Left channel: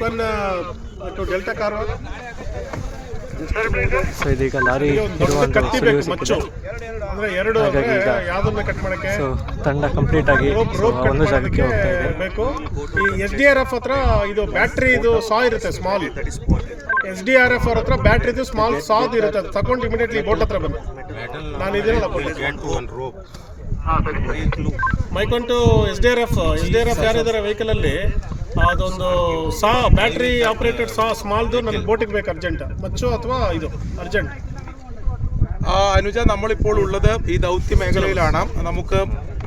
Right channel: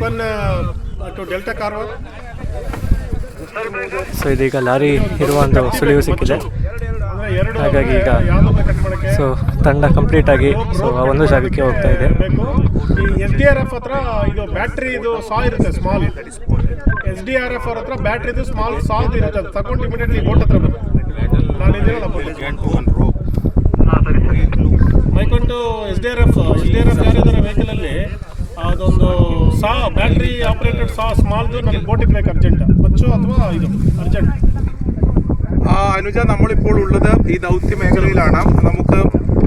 ಮತ್ತು delta car so ಇದೀಗ lorry ಇರುವ ಒಂದು ಸುಳಿವು ಸಿಕ್ಕಿದೆ. ಹಾಗಾಗಿ ಈಗ ಯಾವುದನ್ನ ಕಟ್ ಮಾಡಕ್ಕೆ ಸೊ ತಂಡ ಕಂಪ್ಲೀಟ್ ಆಗಿ ಸೊ ಆ ಒಂದು ಜಾಗಕ್ಕೆ ಹೋಗ್ತಾ ಇದೆ. ಎಸ್ ಡಿ ಆರ್ ಎಫ್ ಹತ್ರ ಇದು ಬ್ಯಾಟ್ರಿ ಇದು ಸಾ ಇರುತ್ತೆ small S D R F ಅವ್ರ ಹತ್ರ ಬ್ಯಾಟ್ರಿದು ಸ್ಮಾಲ್ ಸಾ ಇರುತ್ತೆ. ಅದು ತಗೊಂಡು ಇಮಿಡಿಯೇಟ್ಲಿ ಬೋಟ್ ಹತ್ರ ಬಂದು ನಾನು ಇದೆಯಲ್ಲ ಮೈಕೊಂಡು S D R F S D R F ಯಾರಿದ್ದಾರೆ ವೆಹಿಕಲ್ ಅಲ್ಲಿ? ಅದೊಂದು ಸಾ ಬ್ಯಾಟ್ರಿ ಆಪರೇಟೆಡ್ ಸಾ ಸ್ಮಾಲ್ದು ನನಗೆ ಬೋಟಿಗೆ ಬೇಕು ಅರ್ಜೆಂಟ್ ಮಚ್ಚು ಅಥವಾ ಇದು ಅರ್ಜೆಂಟ್ ആ, അനുജ നമ്മളിപ്പോൾ ഉള്ളത് ഈ ദൗത്യ മേഖലയിലാണ് നമുക്ക്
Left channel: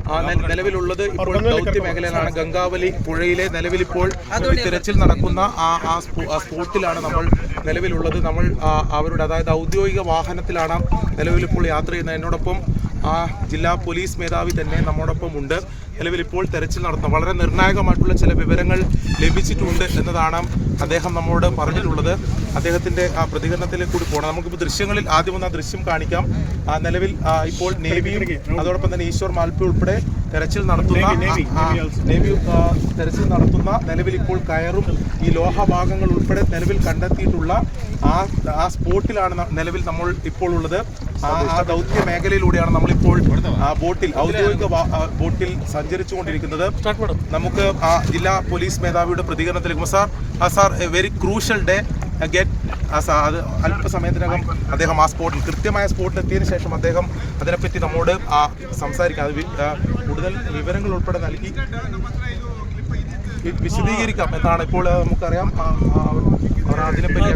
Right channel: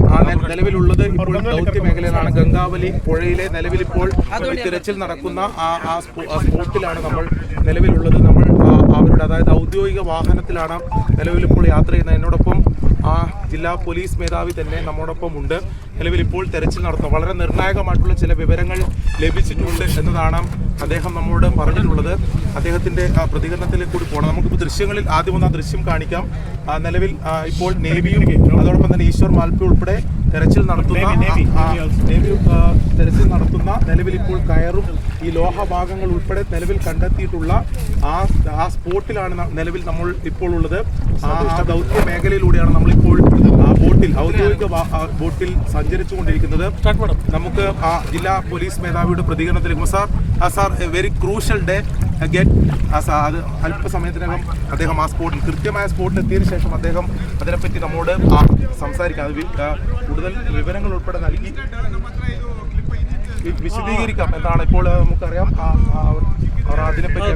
ആ, ന- നിലവിലുള്ളത് ഇപ്പോൾ ദൗത്യ മേഖലയിലാണ് ഗംഗാവലി പുഴയിലെ നിലവിലിപ്പോൾ ഈ തിരച്ചിൽ നടക്കുന്ന ആ ആ സ്പോ- ആ സ്പോട്ടിലാണ് നമ്മൾ നിലവിലുള്ളത് നമ്മൾ ആ, അവരുടെ അതായത് ഔദ്യോഗിക വാഹനത്തിലാണ് നിലവിലിപ്പോൾ യാത്ര ചെയ്യുന്നത് എന്നോടൊപ്പം ആ ജില്ലാ പോലീസ് മേധാവി തന്നെ നമ്മോടൊപ്പം ഉണ്ട് നിലവിൽ ഇപ്പോൾ തെരച്ചിൽ നടത്തുന്നു. വളരെ നിർണായകമായിട്ടുള്ള ചില വിവരങ്ങൾ ലഭിച്ചിട്ടുണ്ട് എന്നതാണ് അദ്ദേഹം നമ്മോട് പറഞ്ഞിട്ടുള്ളത്. അദ്ദേഹത്തിന്റെ ആ പ്രതികരണത്തിലേക്ക് കൂടി പോകണം. നമുക്കിപ്പോൾ ദൃശ്യങ്ങളിൽ ആദ്യം ഒന്ന് ആ ദൃശ്യം കാണിക്കാം. നിലവിൽ ഇപ്പോൾ നേവിയും അതോടൊപ്പം തന്നെ ഈശ്വർ മാൽപ്പി ഉൾപ്പെടെ തെരച്ചിൽ നടത്തുന്ന നേവി തെരച്ചിൽ നടത്തുന്ന നിലവിൽ ഇപ്പോൾ കയറും. ഈ ലോഹഭാഗങ്ങൾ ഉൾപ്പെടെ നിലവിൽ കണ്ടെത്തിയിട്ടുള്ള ആ ആ സ്പോട്ടിലാണ് നിലവിൽ നമ്മൾ ഇപ്പോൾ ഉള്ളത്. ദൗത്യ മേഖലയിലൂടെയാണ് നമ്മളിപ്പോൾ ബോട്ടിൽ ഔദ്യോഗിക ബോട്ടിൽ സഞ്ചരിച്ചുകൊണ്ടിരിക്കുന്നത്. നമുക്ക് ജില്ലാ പോലീസ് മേധാവിയുടെ പ്രതികരണത്തിലേക്ക് sir sir very crucial day again അത് അല്പസമയത്തിനകം അദ്ദേഹം ആ സ്പോട്ടിൽ കൃത്യമായ സ്പോട്ടിൽ എത്തിയതിനു ശേഷം അദ്ദേഹം അതിനെപ്പറ്റി നമ്മോട് സംസാരിക്കാം കൂടുതൽ വിവരങ്ങൾ ഉൾപ്പെടെ നൽകി വിശദീകരിക്കാം എന്നാണ് ഇപ്പോൾ നമുക്കറിയാം അതിനെപ്പറ്റി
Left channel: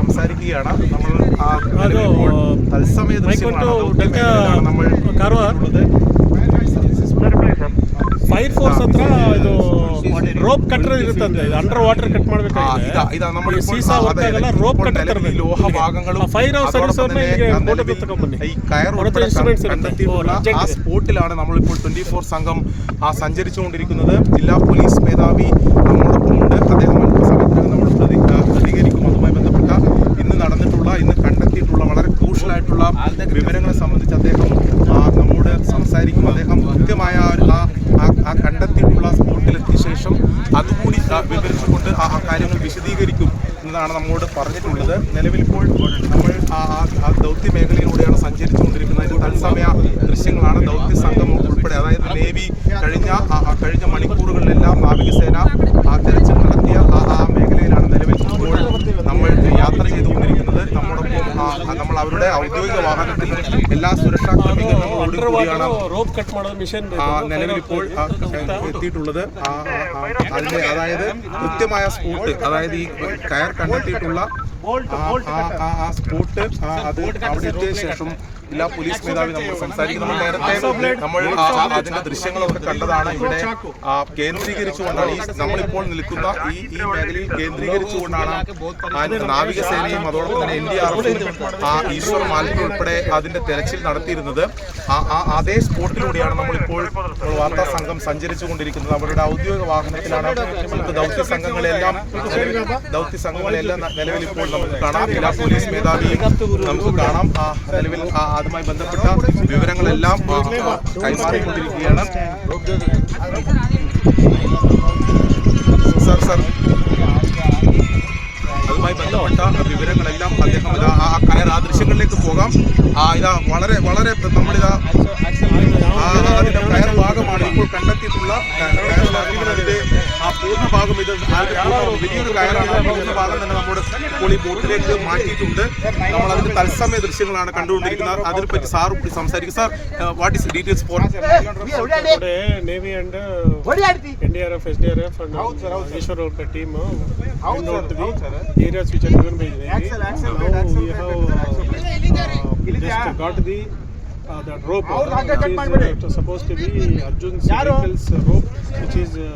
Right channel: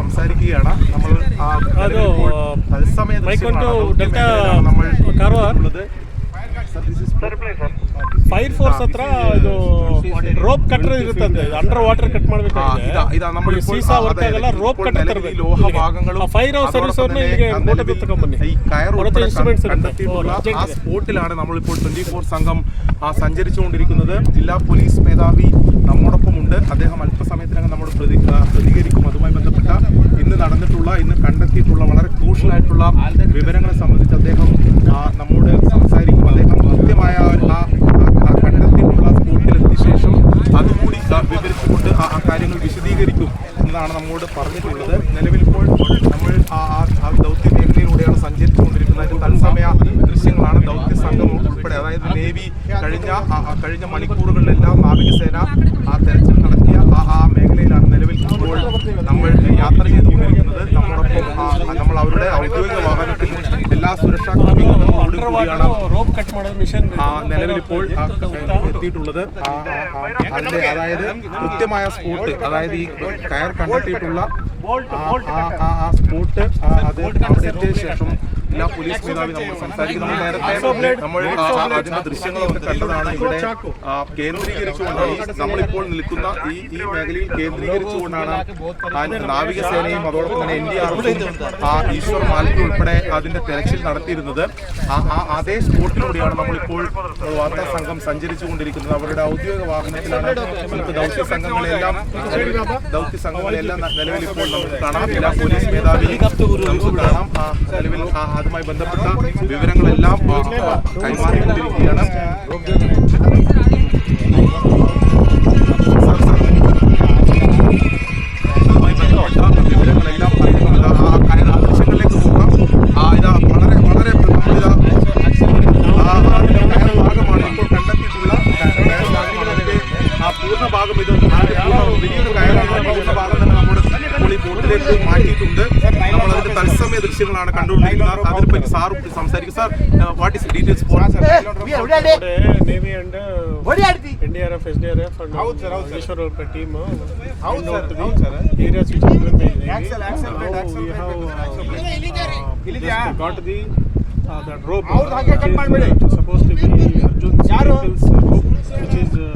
സംസാരിക്കുകയാണ് നമ്മൾ തത്സമയം ಫೈರ್ ಫೋರ್ಸ್ ಹತ್ರ ಇದು ರೋಪ್ ಕಟ್ಟರ್ ಇರುತ್ತಂತೆ ಅಂಡರ್ ವಾಟರ್ ಕಟ್ ആ, ಮಾಡ್ಬೇಕಾಗಿದೆ ഇതാ ഇതാ നമ്മൾ ಈ ಸೀಸಾ ವರ್ಕ್ ಆಗಲ್ಲ ರೋಪ್ ಕಟ್ಟರ್ ತರಬೇಕು ലോഹഭാഗങ്ങളും ಆ ಫೈರ್ ಹೌಸ್ ಸರ್ವಿಸ್ ಅವ್ರನ್ನ ಇಲ್ಲಿಗೆ ಬೋಟ್ ಹತ್ರ ತಗೊಂಡ್ಬನ್ನಿ ഈ കയർ ಅವ್ರ ಹತ್ರ instruments ಇರುತ್ತೆ. കണ്ടെത്തിയിട്ടുള്ള ഓ, ആ സ്പോട്ടിലാണ് നമ്മളിപ്പോൾ ട്വന്റി ഫോർ സംഘം ആ സഞ്ചരിച്ചുകൊണ്ടിരിക്കുന്നത് ജില്ലാ പോലീസ് മേധാവി നമ്മോടൊപ്പം ഉണ്ട് അദ്ദേഹം അല്പസമയത്തിനകം നമ്മൾ പ്രതി ആ, പ്രതികരിക്കും അതുമായി ബന്ധപ്പെട്ട ഇന്ന് നടന്നിട്ടുള്ള ഇന്ന് കണ്ടെത്തിയിട്ടുള്ള വളരെ ക്രൂഷ്യൽ ആയിട്ടുള്ള വിവരങ്ങളെ സംബന്ധിച്ച് അദ്ദേഹം ആ, നമ്മോട് സംസാരിക്കും അദ്ദേഹം കൃത്യമായ അതുകൂടി വിവരിച്ചുകൊണ്ട് ആ കാര്യങ്ങൾ വിശദീകരിക്കും എന്നതാണ് നമ്മോട് പറഞ്ഞിട്ടുള്ളത്. നിലവിലിപ്പോൾ നമ്മൾ ആ ദൗത്യ മേഖലയിലൂടെയാണ് സഞ്ചരിച്ചുകൊണ്ടിരിക്കുന്നത്. തത്സമയ ദൃശ്യങ്ങളാണ് ദൗത്യ സംഘം ഉൾപ്പെടെ. അതായത് നേവി കഴിഞ്ഞ കഴിഞ്ഞ മണിക്കൂറുകളിലെല്ലാം നാവികസേന തെരച്ചിൽ നടത്തിയ ഇപ്പോൾ നമ്മൾ യാത്ര ചെയ്തുകൊണ്ടിരിക്കുന്നത് നമ്മൾ അവരുടെ ഔദ്യോഗിക വാഹനത്തിൽ എല്ലാ സുരക്ഷാ ക്രമീകരണങ്ങളും ക്രമീകരണങ്ങളോടുകൂടിയാണ് നിലവിലിപ്പോൾ എത്തിയിട്ടുള്ളത് അതിന്റെ അതായത് കൃത്യമായ സ്പോട്ട് അതായത് ഈ കയർ കണ്ടെത്തിയിട്ടുള്ള ആ, സ്പോട്ട് അത് ശേഷം എല്ലാ പോലീസ് നമ്മൾ സംസാരിക്കുന്നത് നേരത്തെ നമ്മൾ ആ, അതിന്റെ ദൃശ്യങ്ങളൊക്കെ കണ്ടതാണ് ഇവിടെ ആ, കേന്ദ്രീകരിച്ചുകൊണ്ടാണ് ഈ നമ്മളിപ്പോൾ നിൽക്കുന്ന ഈ ഈ മേഖലയിൽ കേന്ദ്രീകരിച്ചുകൊണ്ടാണ് നാവികസേനയും അതോടൊപ്പം തന്നെ എൻ ഡി ആർ ഈശ്വർ മാലിന്യം ഉൾപ്പെടെ അതിന്റെ തെരച്ചിൽ നടത്തിയിരുന്നത്. ആ ആ അതേ സ്പോട്ടിലൂടെയാണ് നമ്മളിപ്പോൾ വാർത്താ സംഘം സഞ്ചരിച്ചു കൊണ്ടിരിക്കുന്നത് അവരുടെ ഔദ്യോഗിക വാഹനത്തിലാണ് നമുക്ക് ദൗത്യ സംഘങ്ങളെല്ലാം ദൗത്യ സംഘങ്ങളെല്ലാം നിലവിൽ ഇപ്പോൾ പോലീസ് മേധാവി നമുക്ക് കാണാം നിലവിൽ അതുമായി ബന്ധപ്പെട്ട വിവരങ്ങളെല്ലാം അതുമായി ബന്ധപ്പെട്ട വിവരങ്ങളെല്ലാം അദ്ദേഹം ആ ദൃശ്യങ്ങളിലേക്ക് പോകാം ആ ഇതാ വളരെ ഇപ്പോൾ ഈ ബോട്ടിലേക്ക് മാറ്റിയിട്ടുണ്ട് നമ്മൾ അതിന്റെ തത്സമയ ദൃശ്യങ്ങളാണ് കണ്ടുകൊണ്ടിരിക്കുന്നത് അതിനെപ്പറ്റി സാർ സംസാരിക്കും sir what is details for Today, Navy and uh, NDRF, SDRF and uh, Ishwar Orka team uh, went out to the areas which are given by Navy. Now we have uh, just got the uh, that rope uh, which is uh, to- supposed to be Arjun's vehicle's uh, rope which is uh,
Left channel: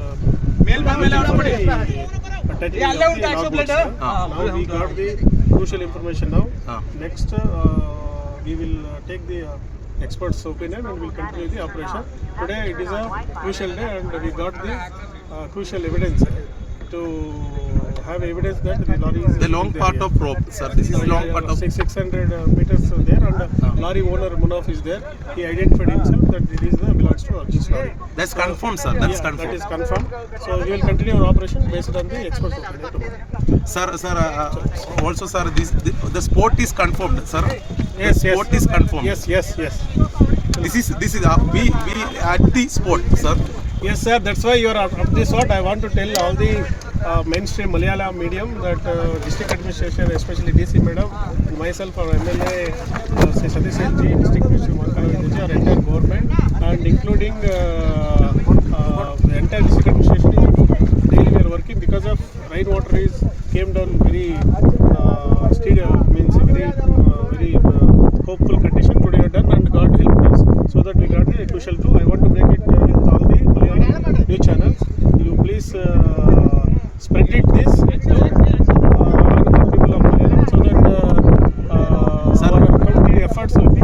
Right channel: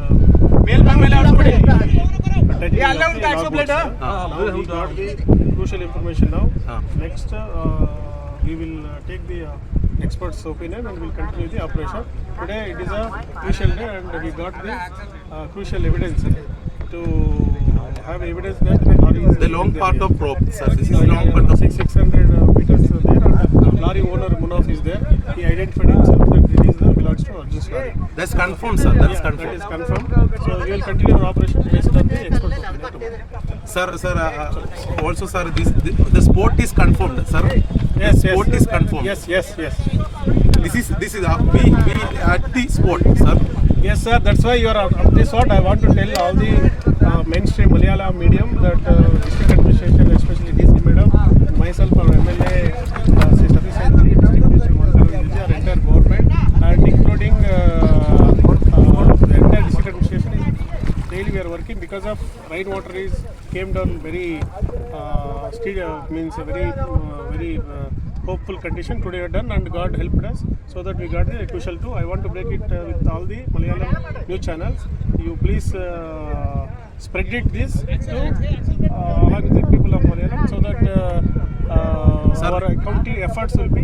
attaching of the logbooks. Uh, Now we got the crucial information now. Next uh, we will uh, take the uh, expert's opinion and we'll continue the operation. Today it is a crucial day and we got the uh, crucial evidence to have evidence that the lorry is The long there part here. of rope, sir. This is the long part of Six, 600 uh, meters there and uh, lorry owner Munaf is there. He identified himself that it is the belonging belongs to Arjun Swami. That's confirmed, sir. That is That confirmed. is confirmed. So we will continue our operation based on the expert opinion tomorrow. Sir, sir, uh, also, sir, this the, the sport is confirmed, sir. Yes, the sport yes. is confirmed. Yes, yes, yes. This is this is uh, we we at the sport, sir. Yes, sir. That's why you are of this sort. I want to tell all the uh, mainstream Malayalam medium that uh, district administration, especially DC madam, myself, our MLA, uh, Satish Ji, district minister is came down very uh, uh, means very uh, very uh, hopeful condition today are done and God helped us so that we got the crucial too. I want to break it uh, with all the Malayalam news channels. You please uh, spread it this to uh, people of Malayalam so that uh, uh, our county efforts will be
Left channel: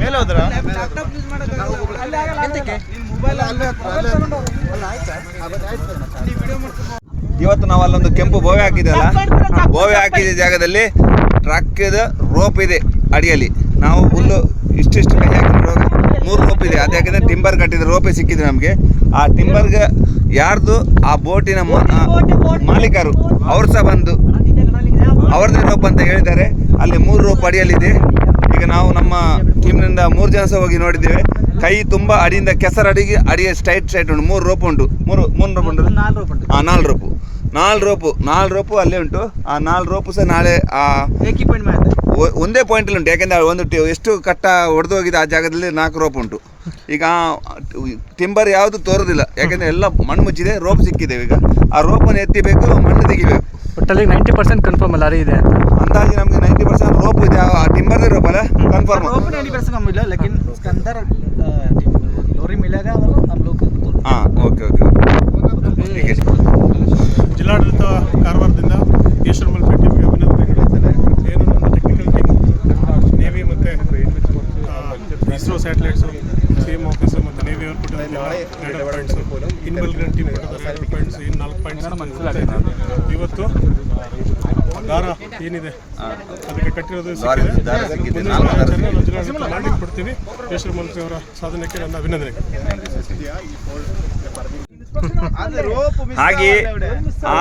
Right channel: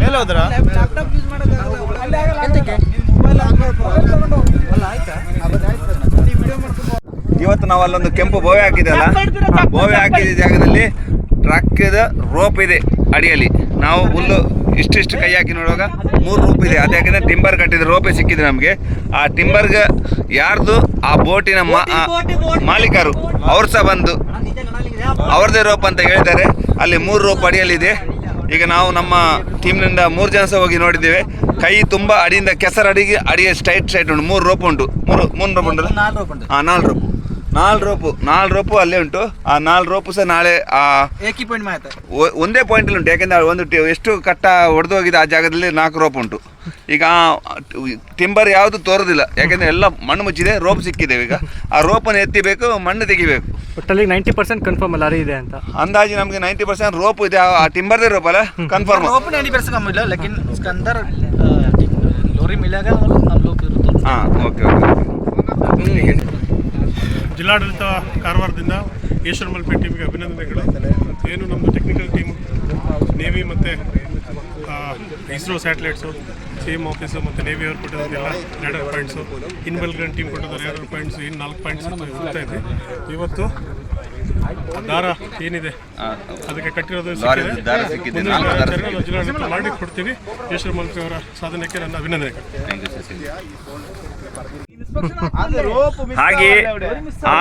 ಮೇಲೆ ಹೋದ್ರ ಇವತ್ತು ನಾವು ಅಲ್ಲೊಂದು ಕೆಂಪು ಬೋವೆ ಹಾಕಿದೆಯಲ್ಲ ಬೋವೆ ಹಾಕಿದ ಜಾಗದಲ್ಲಿ ಟ್ರಕ್ಕಿದ rope ಇದೆ ಅಡಿಯಲ್ಲಿ. ನಾವು ಹುಲ್ಲು ಇಷ್ಟಿಷ್ಟು ಕೈ ಹಾಕಿ ನೋಡುವಾಗ ಮೂರು ರೋಪ್ ಇದೆ. ಅದು ಯಾಕಂದರೆ ಟಿಂಬರ್ ಕಟ್ಟಿದ ರೋಪೆ ಸಿಕ್ಕಿದೆ ನಮಗೆ. ಆ ಟಿಂಬರ್ಗೆ ಯಾರ್ದು ಆ ಬೋಟಿನ ಮಾಲೀಕರು, ಅವ್ರು ಸಹ ಬಂದು ಅವ್ರದ್ದೇ ರೋಪ್ ಅಂತ ಹೇಳಿದ್ದಾರೆ. ಅಲ್ಲಿ ಮೂರು ರೋಪ್ ಅಡಿಯಲ್ಲಿದೆ. ಈಗ ನಾವು ನಮ್ಮ ಟೀಮ್ನಿಂದ ಮೂರು ಜನ ಸಹ ಹೋಗಿ ನೋಡಿದ್ದೇವೆ. ಕೈ ತುಂಬ ಅಡಿಯಿಂದ ಕೆಸರು ಅಡಿಗೆ ಅಡಿಗೆ ಸ್ಟ್ರೈಟ್ ಸ್ಟ್ರೈಟ್ ಉಂಟು. ಮೂರು ರೋಪ್ ಉಂಟು. ಮೂರು ಮೂರು ರೋಪ್ ಉಂಟು. ಹಾಂ ನಾಲ್ಕು ರೋಪು ನಾಲ್ ರೋಪು ನಾಲ್ ರೋಪು ಅಲ್ಲೇ ಉಂಟು. ಆ ನಾಲ್ ರೋಪು ಸಹ ನಾಳೆ ಆ ಒಂದೇ ಪಾಯಿಂಟಲ್ಲಿ ಉಂಟು. ಯಾಕೆಂದರೆ ಒಂದು ಎಷ್ಟು ಕಟ್ಟ ಹೋಗಿದೆ ಆ ಜಾಗದಲ್ಲಿ ನಾಲ್ಕು ರೋಪ್ ಉಂಟು. ಈಗ ಟಿಂಬರ್ ಯಾವುದು ತೋರೋದಿಲ್ಲ. ಯಾಕೆಂದರೆ ಎಲ್ಲ ಮಣ್ಣು ಮುಚ್ಚಿದೆ ರೋಪ್ ಸಿಕ್ಕಿದೆ ಈಗ. ಆ ರೋಪನ್ನು ಎತ್ತಿಬೇಕು ಮಣ್ಣು ತೆಗಿಬೇಕು. ಒಟ್ಟಲ್ಲಿ ನೈಂಟಿ ಪರ್ಸೆಂಟ್ ಕನ್ಫರ್ಮ್ ಲಾರಿ ಇದೆ ಅಂತ अंदाज ನಮಗೆ ನೈಂಟಿ ಪರ್ಸೆಂಟ್ ರೋಪ್ ಇದೆ ಆ ಟಿಂಬರ್ದೇ ರೋಪ್ ಅಲ್ಲ ಕನ್ಫರ್ಮ್ रोप नहीं कर सका मिला लेकिन उसके अंदर अ, लोरी मिलेगा और हम लोग फिर तो ಹಾಂ ಓಕೆ ಓಕೆ ठीक है ಜಿಲ್ಲಾಡಳಿತ ಕಾರವಾರದಿಂದ ಈಶ್ವರ ಮಲ್ಪೆ ಟೀಮ್ಗೆ ಅಭಿನಂದನೆಗಳು ಏನು ನಮ್ಮದು ಟೆಕ್ನಿಕಲ್ ಟೀಮ್ ನೇವಿ ಮತ್ತು ಇಸ್ರೋ ಸ್ಯಾಟಲೈಟ್ಸು ಸಿ ಎಂ ಆಫೀಸು ಮತ್ತು ನೇವಿ ಅವ್ರು ಕೊಟ್ಟಿದ್ದೆಲ್ಲ ಎರಡು ಪಾಯಿಂಟ್ಸು ಇನ್ಬಲ್ಗನ್ ಟೀಮ್ ಕೊಟ್ಟಿದ್ದಾರೆ ಎರಡು ಪಾಯಿಂಟ್ಸು ಇನ್ನು ನಾಲ್ಕು ಪಾಯಿಂಟ್ಸ್ ಹೋಗ್ತಾ ಇದೆ ಇವತ್ತು ಆ ದಾರ ಏನಿದೆ? ಅದಕ್ಕೆ ಕಟ್ಟಿರೋದು. ಜಿಲ್ಲಾಡಳಿತ ಮಾಡಿ ಕೊಡ್ತೀವಿ ಈಶ್ವರ ಮಲ್ಪಿ ಅವರ ಸಾಧನೆಗೆ ನನ್ನ ಅಭಿನಂದನೆಗಳು. ಹಾಗೆ ಆ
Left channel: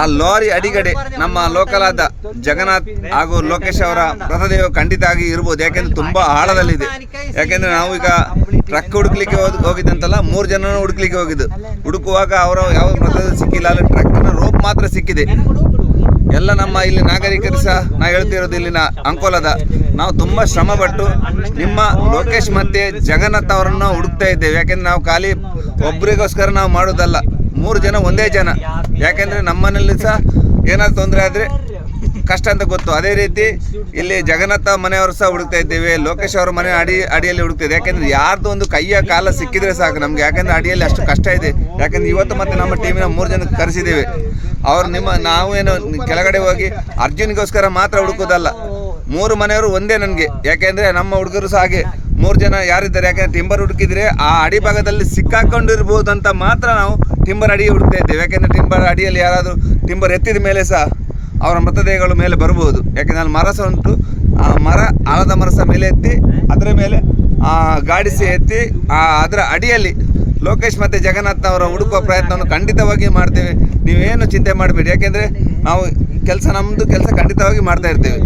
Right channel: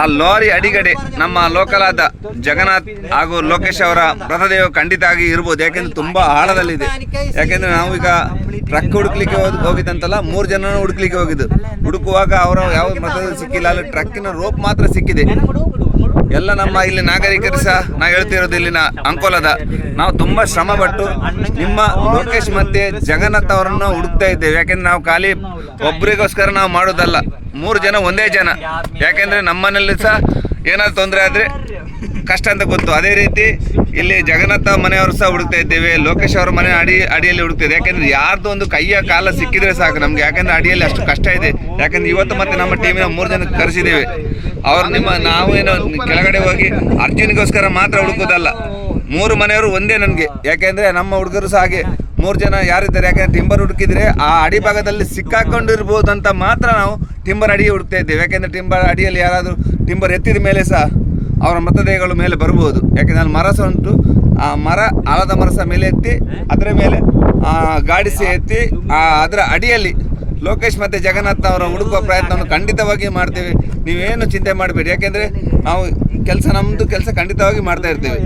ಆ ಲಾರಿ ಅಡಿಗಡೆ ನಮ್ಮ ಲೋಕಲ್ ಆದ ಜಗನ್ನಾಥ್ ಹಾಗೂ ಲೋಕೇಶ್ ಅವರ ಮೃತದೇಹ ಖಂಡಿತ ಆಗಿ ಇರ್ಬೋದು. ಯಾಕೆಂದ್ರೆ ತುಂಬಾ ಆಳದಲ್ಲಿದೆ. ಯಾಕೆಂದ್ರೆ ನಾವು ಈಗ ಟ್ರಕ್ ಹುಡುಕ್ಲಿಕ್ಕೆ ಹೋಗಿದ್ದಂತಲ್ಲ ಮೂರು ಜನ ಹುಡುಕ್ಲಿಕ್ಕೆ ಹೋಗಿದ್ದು. ಹುಡುಕುವಾಗ ಅವರ ಯಾವ ಮೃತದೇಹ ಸಿಕ್ಕಿಲ್ಲ. ಅಲ್ಲಿ ಟ್ರಕ್ಕಿನ ರೋಪ್ ಮಾತ್ರ ಸಿಕ್ಕಿದೆ. ಎಲ್ಲ ನಮ್ಮ ಇಲ್ಲಿ ನಾಗರಿಕರು ಸಹ ನಾ ಹೇಳ್ತಿರೋದು ಇಲ್ಲಿನ ಅಂಕೋಲದ. ನಾವು ತುಂಬ ಶ್ರಮಪಟ್ಟು ನಿಮ್ಮ ಲೋಕೇಶ್ ಮತ್ತೆ ಜಗನ್ನಾಥ್ ಅವರನ್ನು ಹುಡುಕ್ತಾ ಇದ್ದೇವೆ. ಯಾಕೆಂದ್ರೆ ನಾವು ಖಾಲಿ ಒಬ್ಬರಿಗೋಸ್ಕರ ನಾವು ಮಾಡೋದಲ್ಲ. ಮೂರು ಜನ ಒಂದೇ ಜನ. ಯಾಕೆಂದ್ರೆ ನಮ್ಮನೇಲಿ ಸಹ ಏನಾದ್ರು ತೊಂದರೆ ಆದರೆ ಕಷ್ಟ ಅಂತ ಗೊತ್ತು. ಅದೇ ರೀತಿ ಇಲ್ಲಿ ಜಗನ್ನಾಥ ಮನೆಯವರು ಸಹ ಹುಡುಕ್ತಾ ಇದ್ದೇವೆ. ಲೋಕೇಶ್ ಅವರ ಮನೆ ಅಡಿ ಅಡಿಯಲ್ಲಿ ಹುಡುಕ್ತಿದೆ. ಯಾಕೆಂದ್ರೆ ಯಾರ್ದು ಒಂದು ಕೈಯ ಕಾಲ ಸಿಕ್ಕಿದ್ರೆ ಸಾಕು ನಮ್ಗೆ. ಯಾಕೆಂದ್ರೆ ಅಡಿಯಲ್ಲಿ ಅಷ್ಟು ಕಷ್ಟ ಇದೆ. ಯಾಕೆಂದ್ರೆ ಇವತ್ತು ಮತ್ತೆ ನಮ್ಮ ಟೀಮಿನ ಮೂರು ಜನ ಕರೆಸಿದ್ದೇವೆ. ಅವ್ರು ನಿಮ್ಮ ನಾವೇನು ಕೆಳಗಡೆ ಹೋಗಿ ಅರ್ಜುನಿಗೋಸ್ಕರ ಮಾತ್ರ ಹುಡುಕೋದಲ್ಲ ಮೂರು ಮನೆಯವರು ಒಂದೇ ನನಗೆ. ಯಾಕೆಂದ್ರೆ ನಮ್ಮ ಹುಡುಗರು ಸಹ ಹಾಗೆ ಮೂರು ಜನ ಯಾರಿದ್ದಾರೆ? ಯಾಕೆಂದ್ರೆ ಟಿಂಬರ್ ಹುಡುಕಿದ್ರೆ ಆ ಅಡಿ ಭಾಗದಲ್ಲಿ ಸಿಕ್ಕಾಕೊಂಡಿರ್ಬೋದು ಅಂತ ಮಾತ್ರ ನಾವು ಟಿಂಬರ್ ಅಡಿಗೆ ಹುಡುಕ್ತಾ ಇದ್ದೇವೆ. ಯಾಕೆಂದ್ರೆ ಟಿಂಬರ್ ಅಡಿಯಲ್ಲಿ ಯಾರಾದರೂ ಟಿಂಬರ್ ಎತ್ತಿದ ಮೇಲೆ ಸಹ ಅವರ ಮೃತದೇಹಗಳು ಮೇಲೆ ಬರ್ಬೋದು ಯಾಕೆಂದ್ರೆ ಅಲ್ಲಿ ಮರ ಸಹ ಉಂಟು. ಆ ಮರ ಆಳದ ಮರ ಸಹ ಮೇಲೆ ಎತ್ತಿ, ಅದರ ಮೇಲೆ, ಆ, ಗಾಡಿ ಸಹ ಎತ್ತಿ, ಆ, ಅದರ ಅಡಿಯಲ್ಲಿ ಲೋಕೇಶ್ ಮತ್ತು ಜಗನ್ನಾಥ್ ಅವರ ಹುಡುಕುವ ಪ್ರಯತ್ನವನ್ನು ಖಂಡಿತವಾಗಿ ಮಾಡ್ತೇವೆ. ನೀವೇನು ಚಿಂತೆ ಮಾಡಬೇಡಿ. ಯಾಕೆಂದರೆ ನಾವು ಕೆಲಸ ನಮ್ಮದು ಕೆಲಸ ಖಂಡಿತವಾಗಿ ಮಾಡ್ತಾ ಇರ್ತೇವೆ.